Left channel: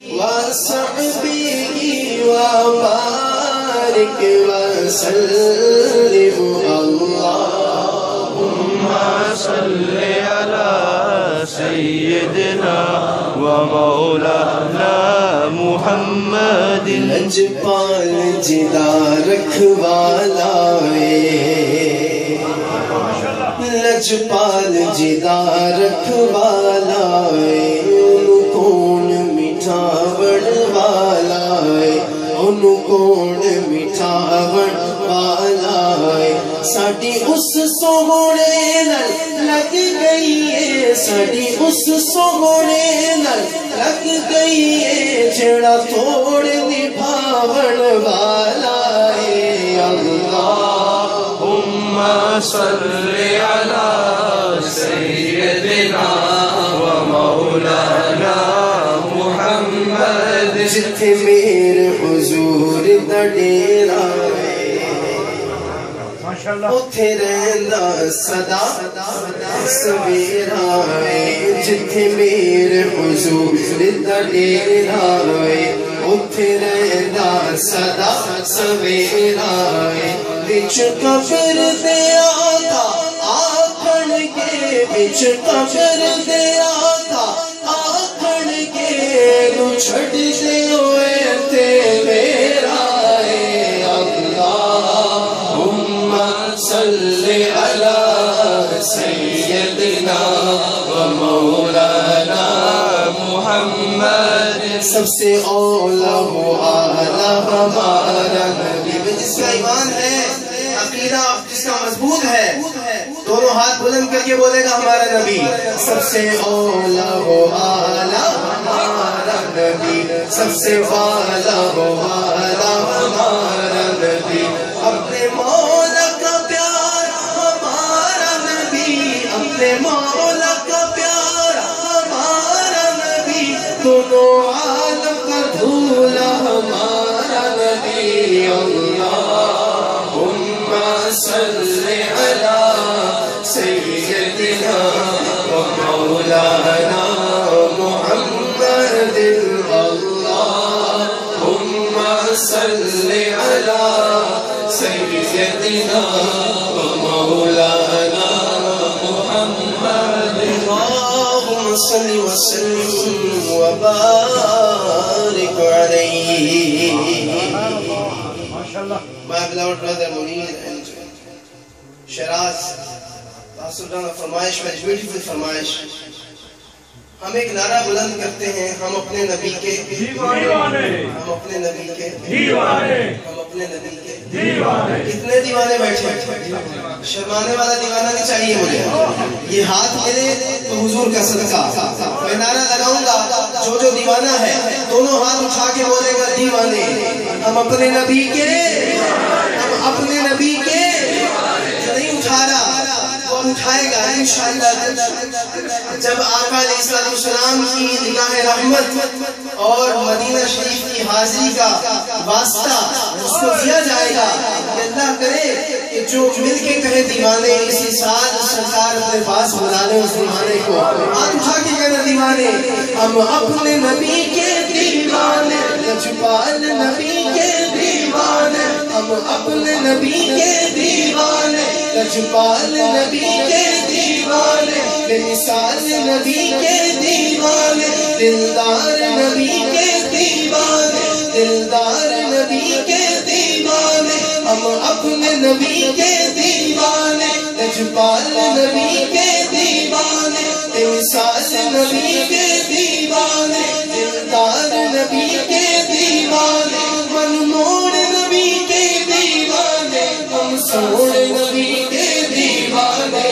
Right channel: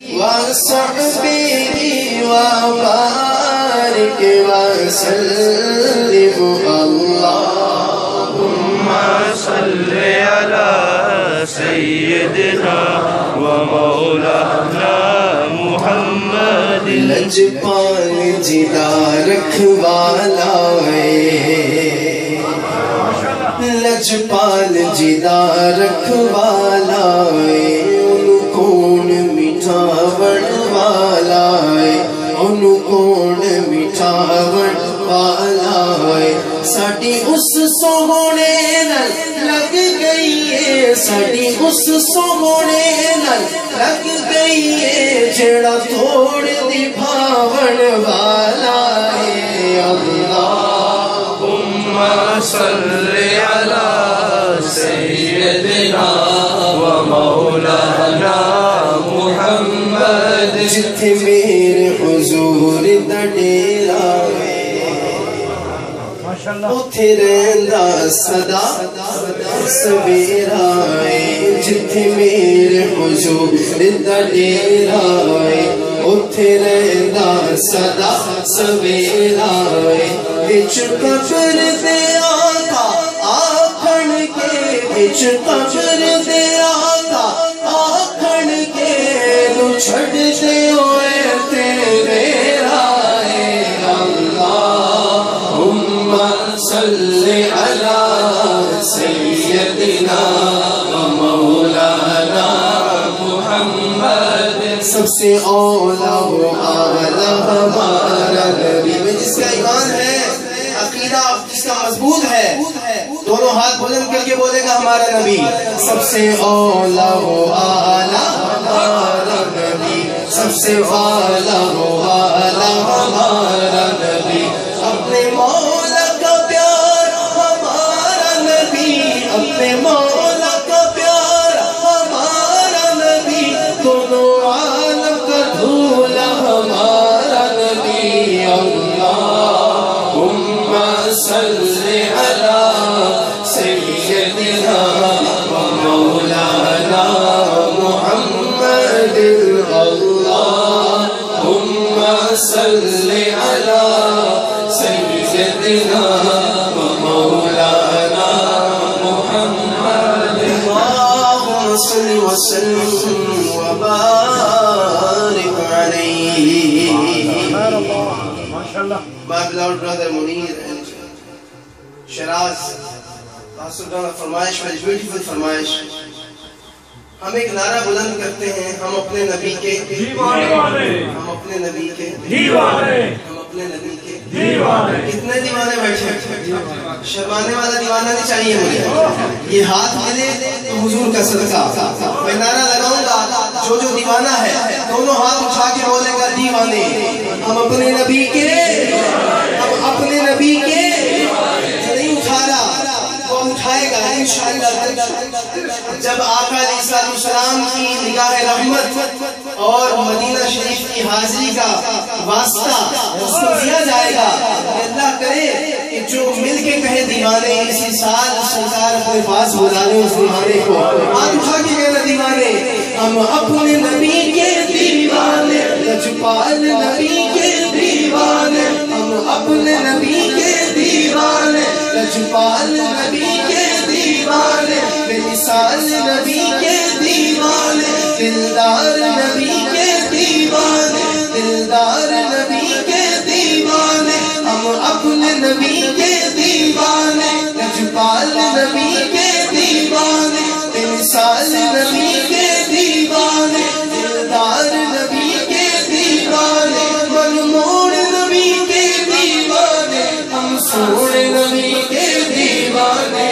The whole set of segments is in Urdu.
وصحبه وبارك وسلم اللهم صل على سيدنا ومولانا محمد لجپال جدا رکھوالا لجپال جدا رکھوالا انہوں کون مٹھاوڑ والا انہوں کون مٹھاوڑ والا ساڑی اس سونے نل لگ گئی ہے ساڑی اس سونے نل لگ گئی ہے جڑا توڑ دی بھاوڑ والا ہے اللہم صل علی سیدنا ومولانا محمد جتھے میرے حضور دا ڈیرا اتھے رہندا صدا سویرا جتھے میرے حضور دا ڈیرا اتھے رہندا صدا سویرا بچ قبر دے آقا آکھن کے بچ قبر دے آقا آکھن کے نو چھڑ دے ہوئے تے میرا اللہم صل علی سیدنا ومولانا محمد سب سے اولا و اعلیٰ ہمارا نبی میں جس کا ایمان ہے عقیدہ جس کا مضبوط ہے دونوں ہاتھ بلند کر کے بولے گا ہمارا نبی سب سے اولا و اعلیٰ ہمارا نبی سب سے اولا و اعلیٰ ہمارا نبی اپنے مولا کا پیار ہمارا نبی اپنے مولا کا پیار ہمارا نبی دونوں عالم کا دھولا ہمارا نبی اللہم صل علی سیدنا ومولانا محمد اللہم صل علی سیدنا ومولانا محمد اللہم صل وسلم وبارک علیہ My beloved brother Munir and Shiraz Pastor Gana فرمائش very beautiful فرمائش ہم ایک نعرہ بلند کرتے ہیں ہم اپنے نبی کے دیوانے ہم اپنے نبی کے دیوانے ہم اپنے نبی کے دیوانے کتنے دیوانے بیٹھے شرمانے والا دیوانہ نہیں چاہیے مجھے یہ ہاتھ ملے تو حضور کا صدقہ میں نعرہ لگاؤں گا جو دیوانہ ہے دونوں ہاتھ اٹھا کے بولے گا دیوانے ہم اپنے نبی کے ہم اپنے نبی کے جو نہیں اٹھا رہا وہ اٹھائے گا انشاءاللہ جب آقا علیہ السلام کی نگاہ رحمت اور مدینہ شریف کی حاضری کا واسطہ اس کو دیا جائے گا کہ اللہ کرے کہ جو مل کے کہے دیوانے اسی سال سرکار اپنے پاس بلا لے اس دیوانے کو ہاتھ اٹھا کے کہنا دیوانے ہم اپنے نبی کے دیوانے لجپال نبی کے دیوانے ہم اپنے نبی کے دیوانے لجپال نبی کے دیوانے بے مثال نبی کے دیوانے دلدار نبی کے دیوانے دلدار نبی کے دیوانے ہم اپنے نبی کے دیوانے لجپال نبی کے دیوانے بے مثال نبی کے دیوانے دلدار نبی کے دیوانے منموڑ نبی کے دیوانے ہم سوڑ نبی کے دیوانے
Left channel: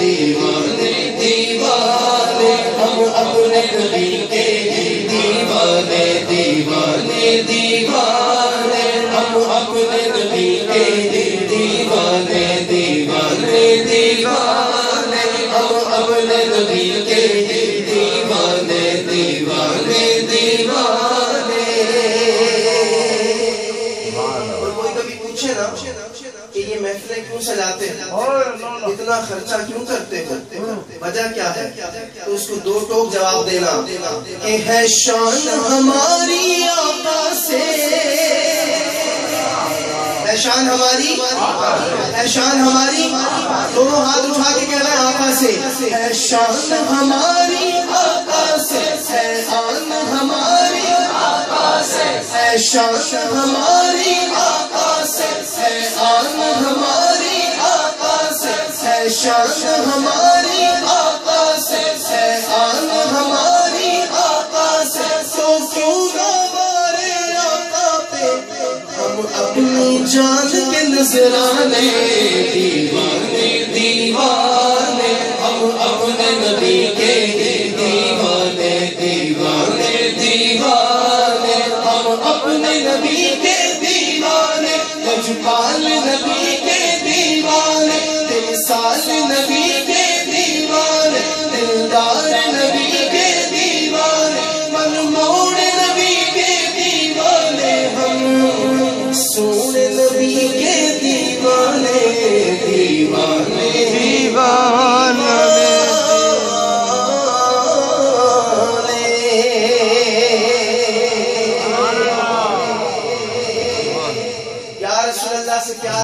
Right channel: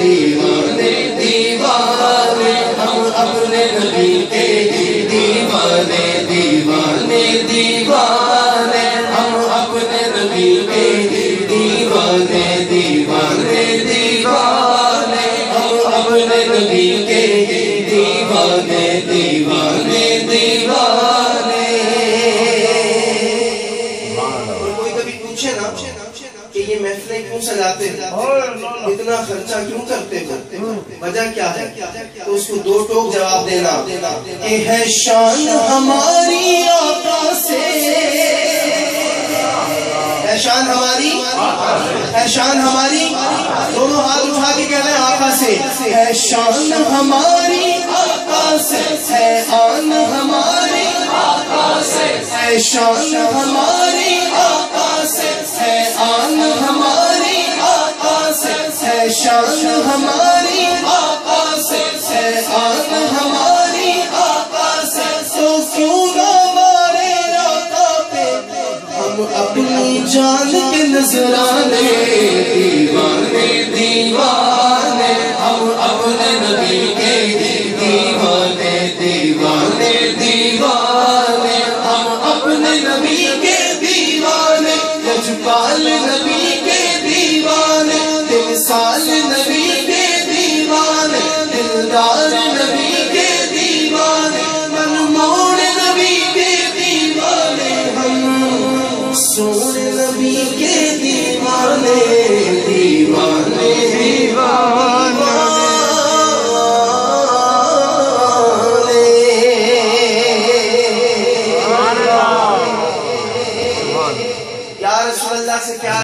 دیوانے دیوانے ہم اپنے نبی کے دیوانے دیوانے دیوانے ہم اپنے نبی کے دیوانے دیوانے دیوانے ہم اپنے نبی کے دیوانے دیوانے دیوانے اور کوئی کبھی پوچھے نا کہ یہ محفلیں کیوں سجاتے ہو؟ اتنا خرچہ کیوں کرتے ہو؟ وجہ کیا ہے؟ تو اس کو دو ٹوک جواب دینا کہ ہے شان ہماری آقا سے، ہے شان ہماری، ہے شان ہماری، دونوں ہاتھ اٹھا کے کہنا ہے آقا سے، ہے شان ہماری آقا سے، ہے آن ہماری آقا سے، ہے شان ہماری آقا سے، ہے آن ہماری آقا سے، ہے شان ہماری آقا سے، ہے آن ہماری آقا سے، تو کیوں نہ ہمارے آقا پہ ہم اپنی جان کے نذرانے، دیوانے دیوانے ہم اپنے نبی کے دیوانے، دیوانے دیوانے ہم اپنے نبی کے دیوانے، لجپال نبی کے دیوانے، تمثال نبی کے دیوانے، دلدار نبی کے دیوانے، منموڑ نبی کے دیوانے، ہم سونے نبی کے دیوانے، دیوانے دیوانے یا رسول اللہ سے کیا